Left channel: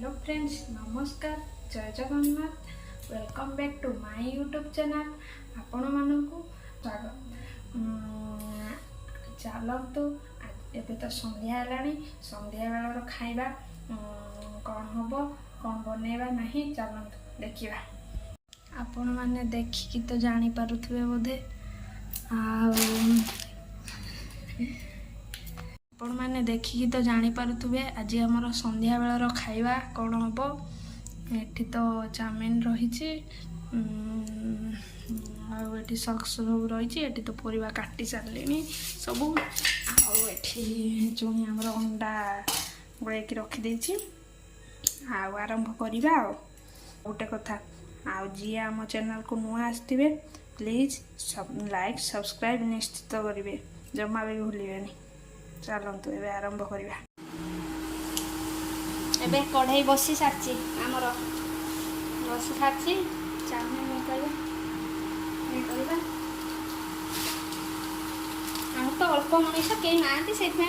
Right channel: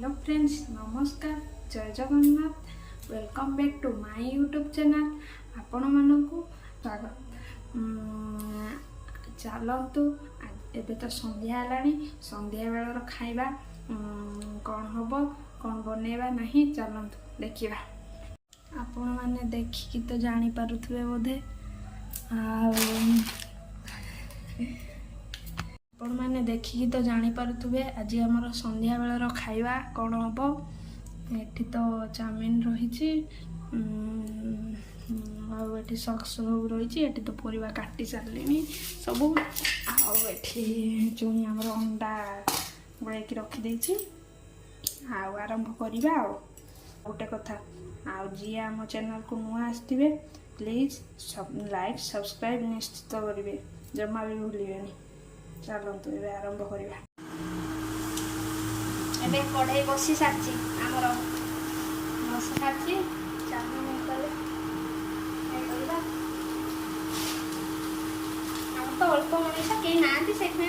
Hello friends, नमस्कार, जय Jagannath. Welcome back to my YouTube channel. आपण मानकु स्वागत। चलतु एबे तो संध्या हेलानी, संध्या बेलर खाइबा कौन हम कौन बनैबा नहीं, चलतु देखिबा। आपण माने देखिकी तो जानी पारुथबे बोधे। आपण मैंने देखिकी तो जानीपे आज आमर संध्या बेलर खाइबा कौन हम। एठी तो चाउमिन रही सक्स सब रही। एठी तो परिवा काटी सारे सबू। आठी चुनी आमर अंडा गोल रखीदे। आरंभ करवा। गोटे कथा जी आम चैनल को नुआ आसवे प्लीज लाइक सब्सक्राइब निश्चित करेंगे, जमा भी भूलिए। चलतु ए आरंभ करवा। एबे कढ़ाई बसी सारी आमर बसी सारी तो अल्प मनीष कहीं ना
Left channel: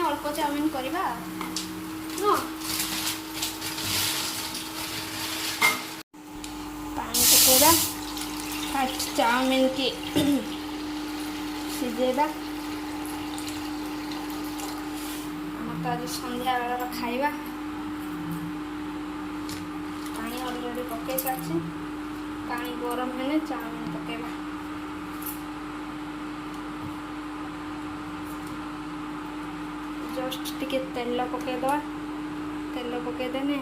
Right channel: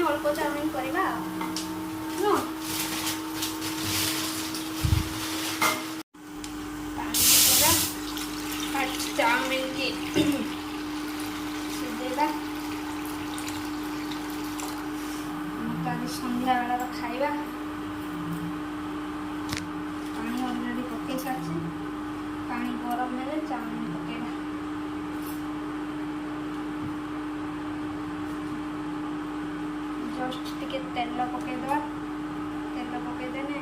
अल्प चाउमिन करवा। चाउमिन की सीझेबा। आज संध्या बेलर खाइबा। पानी अलरेडी पकई सारी। पानी गरम हेले चाउमिन पकेबा। जस्ट टिके तेल पकईदवा। तेल पकईदेने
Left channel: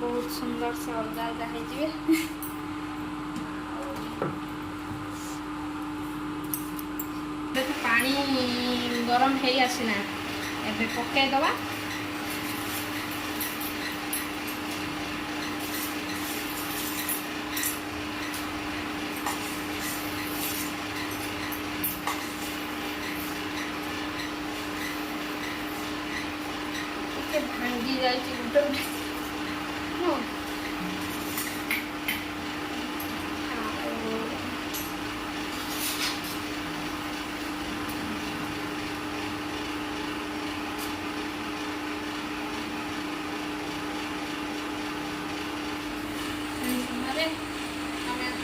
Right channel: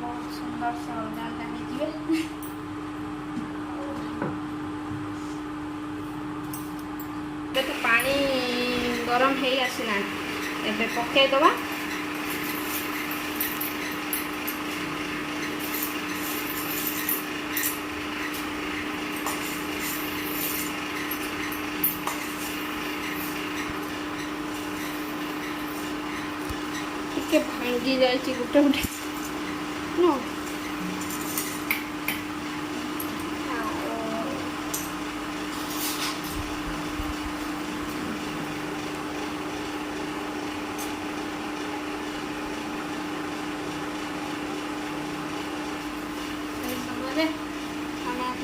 बहुत सुंदर से अलगा अलगा हो। पानी गरम है आसना एबे पकईदवा। भांगी जाए गोटे गोटे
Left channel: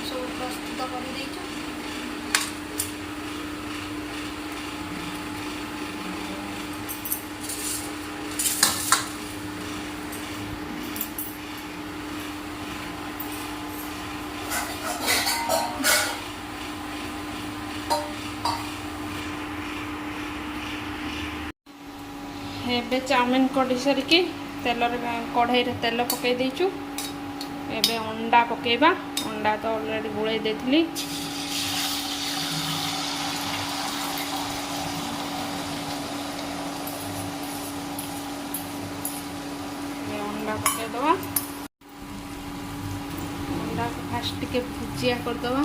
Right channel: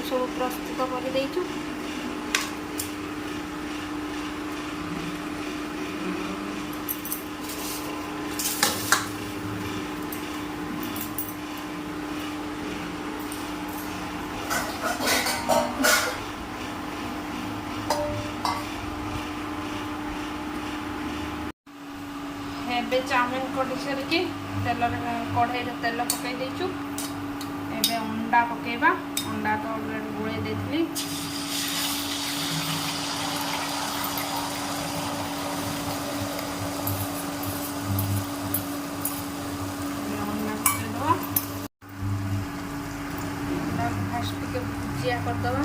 सब प्रस्तुत कर देचु। एबे चाउमिन कटी सारिकी तेल कढ़ाई तेल पकई देचु। एबे अंडा पकेबा। अंडा तो ऑलरेडी गोले देथिली। अंडा पकेदवा। अंडा फास्ट टिके भुजिया करदवा।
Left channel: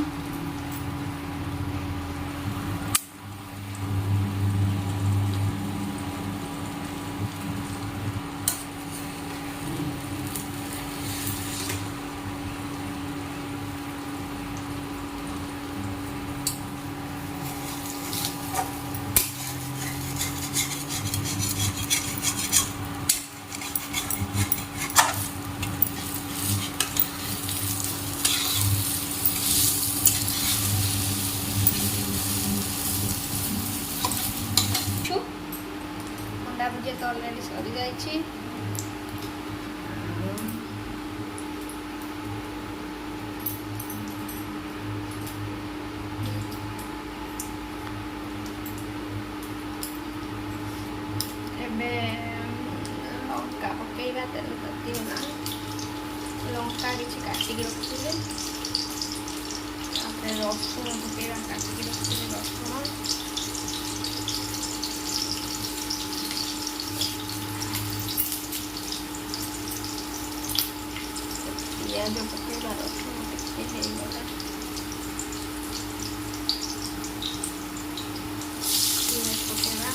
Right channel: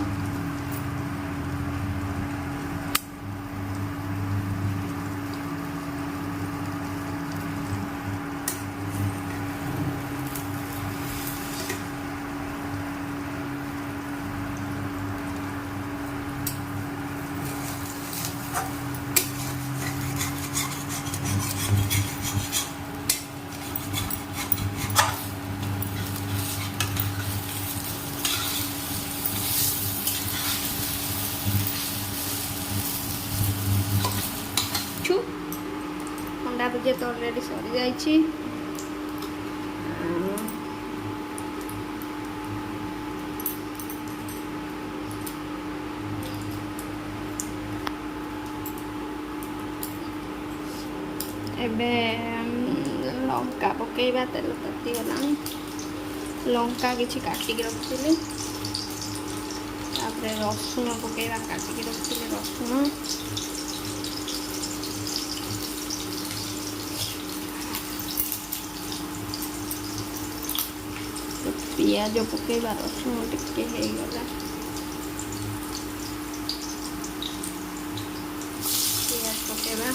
अंडा भुजिया तो ऑलरेडी सरी जाइए। एबे लंका पकईबा। तेल ताती गलानी। लंका किसी काटिक रखी। रसुण पकईबा। काटिक रखी रसुण। पियाज पकईबा। रसुण टिके होगला। पियाज पकईबा।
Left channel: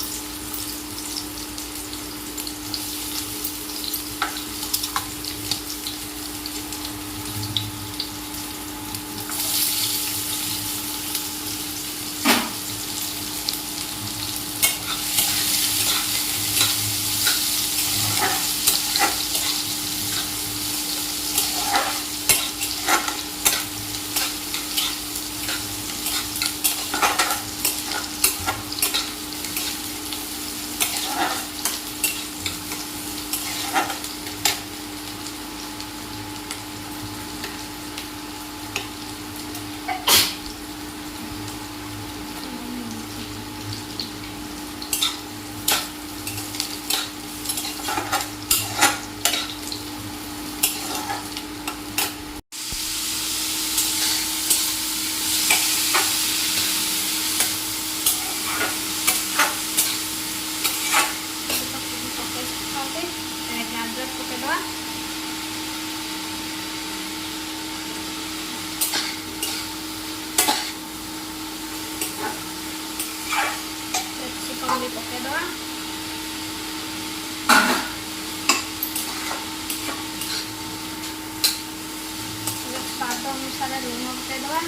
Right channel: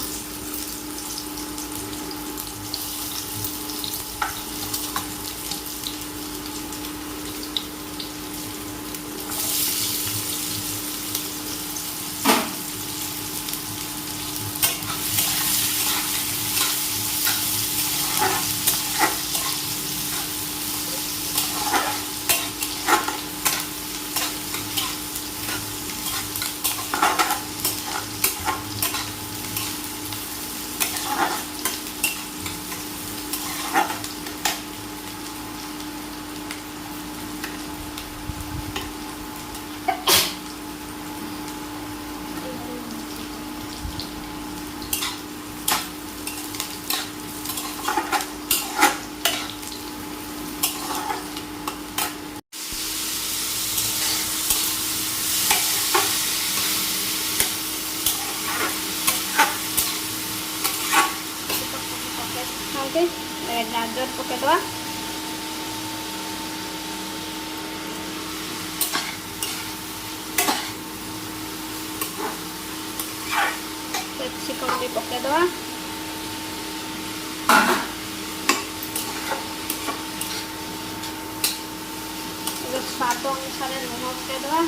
ହେଇଯାଇଛି। ଗାଜର ପକେଇଦେବା। କ୍ୟାପ୍ସିକମ୍ ବି ପକେଇଦେବା। ସ୍ୱାଦ ଅନୁସାରେ ଲୁଣ ପକେଇଦେବା।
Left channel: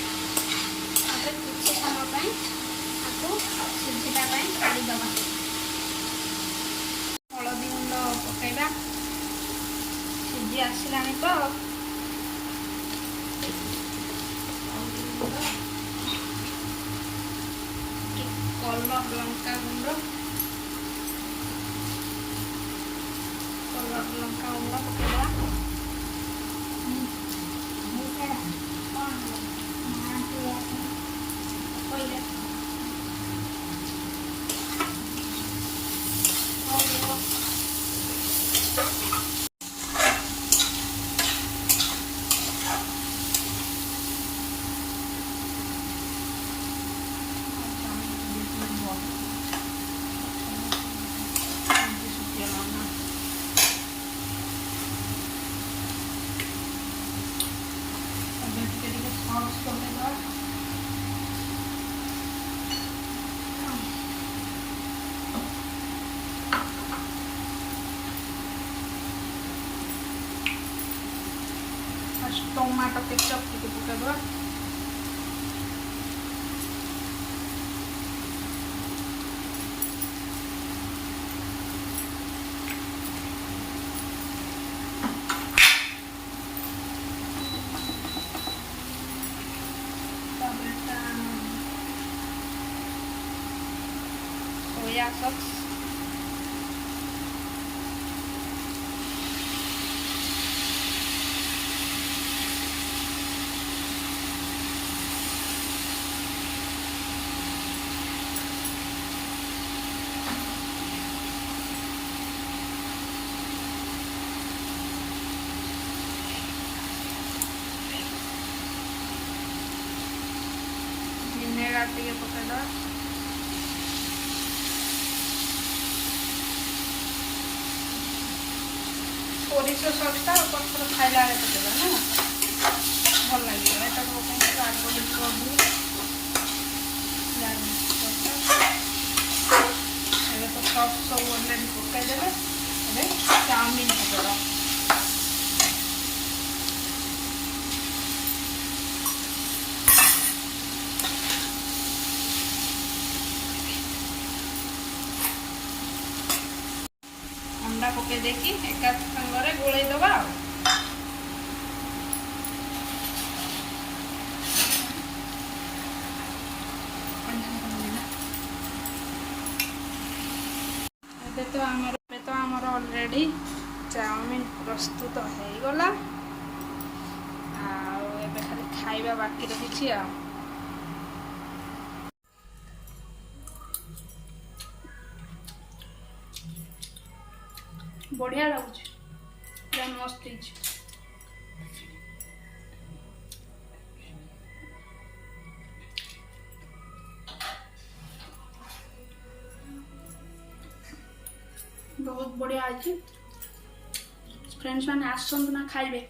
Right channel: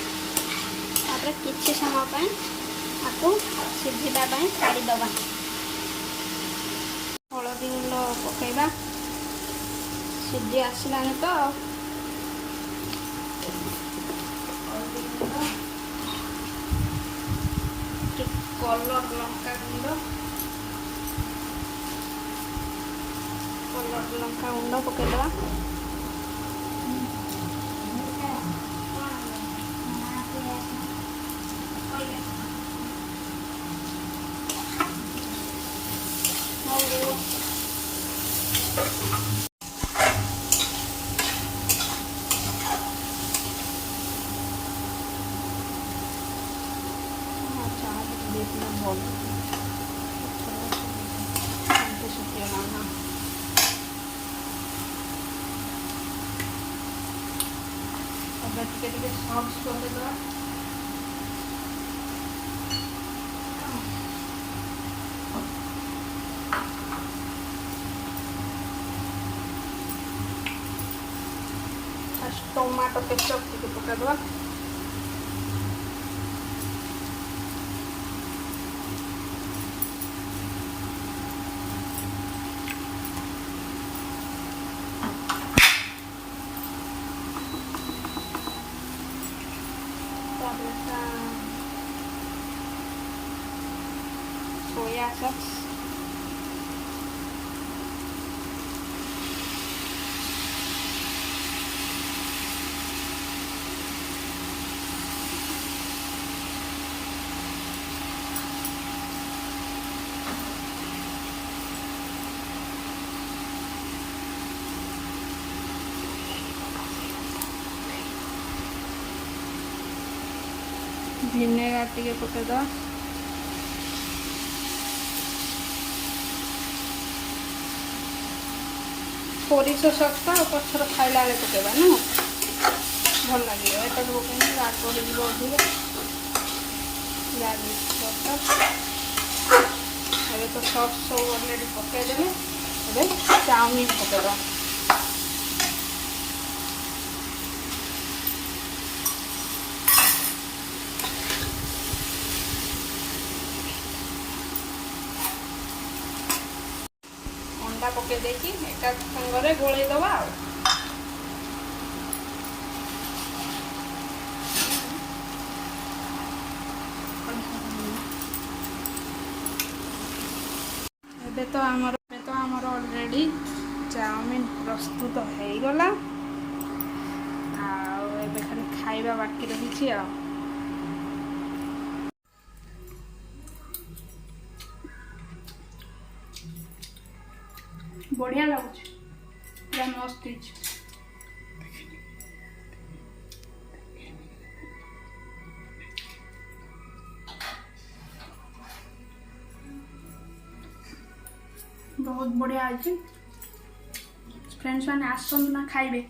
ତାପରେ କିଛି ସମୟ ପାଇଁ ତାକୁ ସିଝିବା ପାଇଁ ଛାଡ଼ିଦେବା। ହଳଦୀ ଗୁଣ୍ଡ ପକେଇବା। ସିଝି ଆସିଲାଣି ତ ହଳଦୀ ଗୁଣ୍ଡ, କଲର୍ ଲଙ୍କା ଗୁଣ୍ଡ, ପକେଇବା। ଟିକେ ସକ୍ସ କରିଦେବା। टमाटो केचप ଟିକେ ପକାଇଦେବା। सोया सॉस, विनेगार ଟିକେ ପକେଇଦେବା। ସୋରିଷ ସକ୍ସଟା ପଛର ଖାଇଲା ବେଳେ ପକେଇବା ନା ଭଲ ଲାଗିବ। ଏଟା ପକେଇଲେ ଆଗ ହେଇଯିବ ଅଧିକ। ଏବେ ତ ସକ୍ସ ସବୁ ଅଲରେଡ଼ି ପକେଇଦେବେ। ଏବେ ଚାଉମିନ ପକେଇବା। ଅଣ୍ଡା ପକେଇ ଦେଇକି ଏକା ସାଙ୍ଗରେ ଗୋଳେଇଦେବା ଆଉ। ଏବେ ତ ଆମର ଅଲରେଡ଼ି ଚାଉମିନ ପ୍ରସ୍ତୁତ ହେଇଗଲା। ଆଉ ଏବେ ଖାଲି ଖାଇବା ବାକି ରହିଛି ଆଉ। बढ़िया लगुच, पूरा मस्त ହେଇଛି। बहुत बढ़िया अच्छी फ्रेंड्स मैंने आसतु ना खाइबे।